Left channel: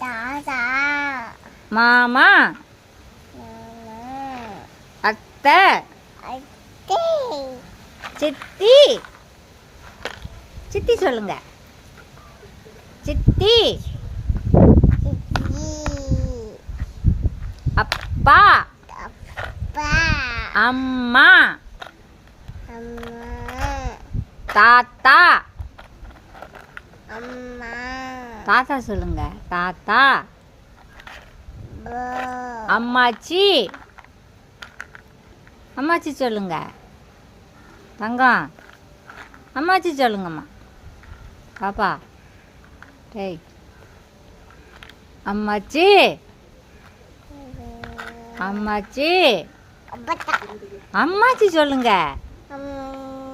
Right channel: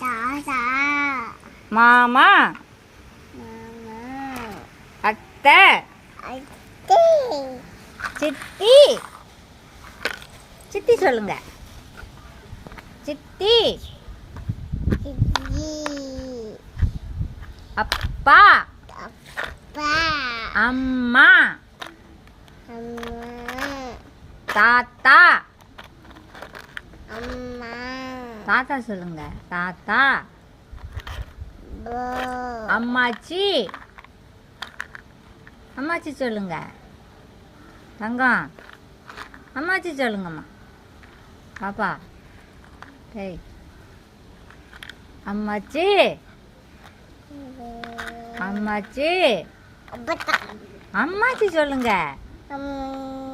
தாத்தா மாமா மாமா அத்தை அத்தை சித்தி சித்தி சொல்லுங்க சித்தி சித்தி அப்பா அப்பா அம்மா அம்மா தாத்தா அம்மா தாத்தா சொல்லுங்க தாத்தா போ அம்மாச்சி அம்மாச்சி சொல்லுங்க தங்கம் அம்மாச்சி சொல்லுங்கம்மா பாப்பா டேய் அம்மாச்சி அம்மாச்சி அப்பா அம்மாச்சி சொல்லுங்க அம்மா